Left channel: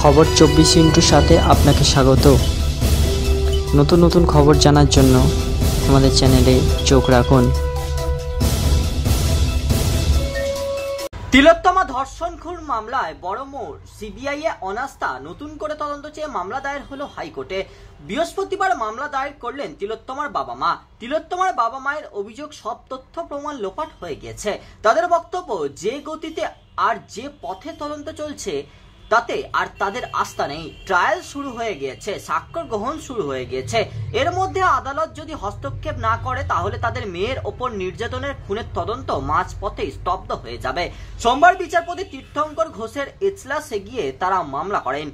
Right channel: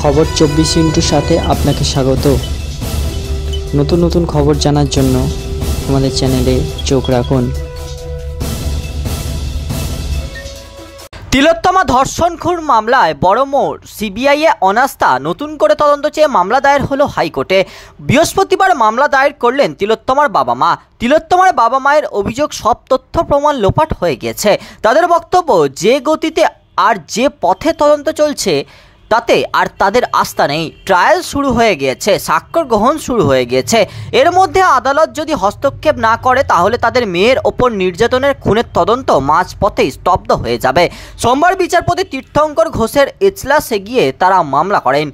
খবর 24 সাথে আপনাকে স্বাগত। নতুন নতুন খবর জানার জন্য আমাদের চ্যানেলে চোখ রাখুন। তিলোত্তমা ধর্ষণ খুন মামলায় বড় মোড়, সিবিআইয়ে অনাস্থা, নতুন করে তদন্ত চেয়ে মামলা দায়ের হলো হাইকোর্টে। বৃহস্পতিবার মামলা দায়ের করলেন তিলোত্তমার বাবা মা। তিলোত্তমার বাবা মায়ের অভিযোগ, সব তথ্য প্রমাণ লোপাট হয়ে গেছে। তাদের বক্তব্য, যে গতিতে আর যে পথে তদন্ত চলছে তাতে আর তাদের আস্থা নেই। ট্রায়াল শুরু হয়ে গিয়েছে, সাক্ষ্য গ্রহণ শুরু হয়ে গিয়েছে। এর মধ্যে আদালত যদি হস্তক্ষেপ না করে তাহলে তাদের মেয়ের ওপর নির্যাতনের খুনের তদন্ত মাঝপথেই স্তব্ধ হয়ে যাবে। সোমবার বিচারপতি তীর্থঙ্কর ঘোষের এজলাসে গিয়ে তারা মামলা করেন।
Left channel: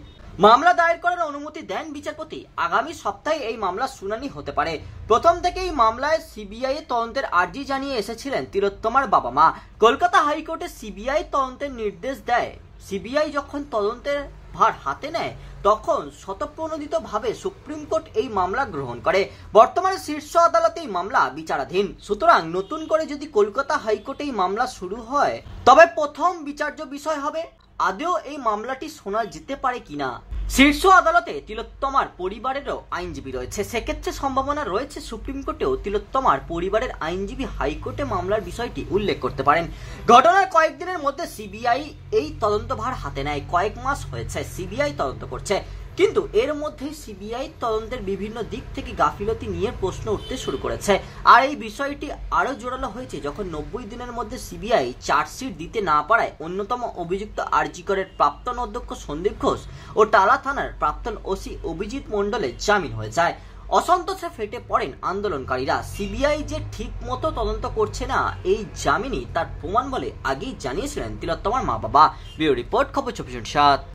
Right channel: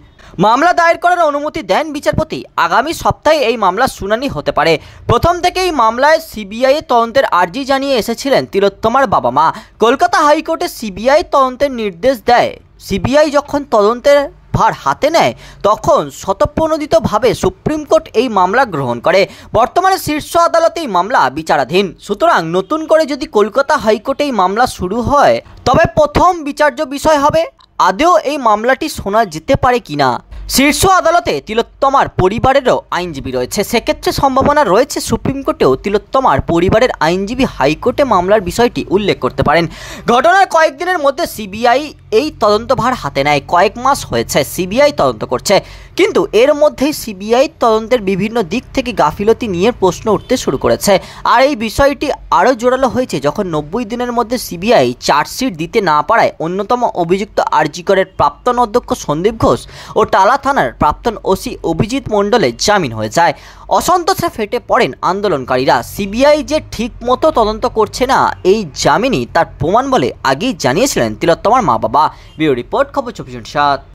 মামলা দায়ের করার অনুমতি দেন বিচারপতি। আগামী সপ্তাহে এই মামলার শুনানি হতে পারে। প্রথম থেকেই মামলায় সিবিআই তদন্তের আর্জি জানিয়ে এসেছিলেন তিলোত্তমার বাবা মা। কলকাতা হাইকোর্টে সিবিআই তদন্তের নির্দেশ দেয়। সিবিআই যখন তদন্তের ভার হাতে নেয় তখন স্বতঃপ্রণোদিতভাবে সুপ্রিম কোর্ট এই মামলা গ্রহণ করে। বর্তমানে শীর্ষ আদালতে এই মামলা বিচারাধীন। সুতরাং নতুন করে যদি কলকাতা হাইকোর্টে এই মামলা শুরু হয় তবে প্রথম বিচার্য বিষয় হবে আদৌ এই মামলাটি শোনা যেতে পারে কিনা। শীর্ষ আদালতে তিলোত্তমার পরিবারেরও আইনজীবী রয়েছে, সেক্ষেত্রে সম্ভাবনা রয়েছে সুপ্রিম কোর্টেও তিলোত্তমার পরিবারের আইনজীবী হাইকোর্টে মামলার বিষয়টি উল্লেখ করতে পারেন। ঘটনার কয়েকদিনের মধ্যে সিবিআই এই তদন্তভার হাতে নেয়। কয়েক মাস হয়েছে সিবিআই তদন্ত করছে, কিন্তু এর মধ্যেই সিবিআই তদন্তের বিভিন্ন দিক থেকে গাফিলতি নিয়ে প্রশ্ন উঠতে শুরু করেছে। আর এই বিষয়টি আরও জোরালো হয়েছে যখন 90 দিনের মধ্যে সিবিআই চার্জশিট দিতে না পারায় অন্যতম অভিযুক্ত আরজি করের প্রাক্তন অধ্যক্ষ সন্দীপ ঘোষ ও টালা থানার প্রাক্তন ওসি অভিজিৎ মণ্ডলের জামিন হয়ে যায়। অসন্তোষে ফেটে পড়েন আন্দোলনকারীরা। সিবিআই যে ঠিক মতো তদন্ত করছে না এই জামিনই তার প্রমাণ বলে আগেই জানিয়েছিলেন তিলোত্তমার মা বাবা। ব্যুরো রিপোর্ট, খবর 24/7।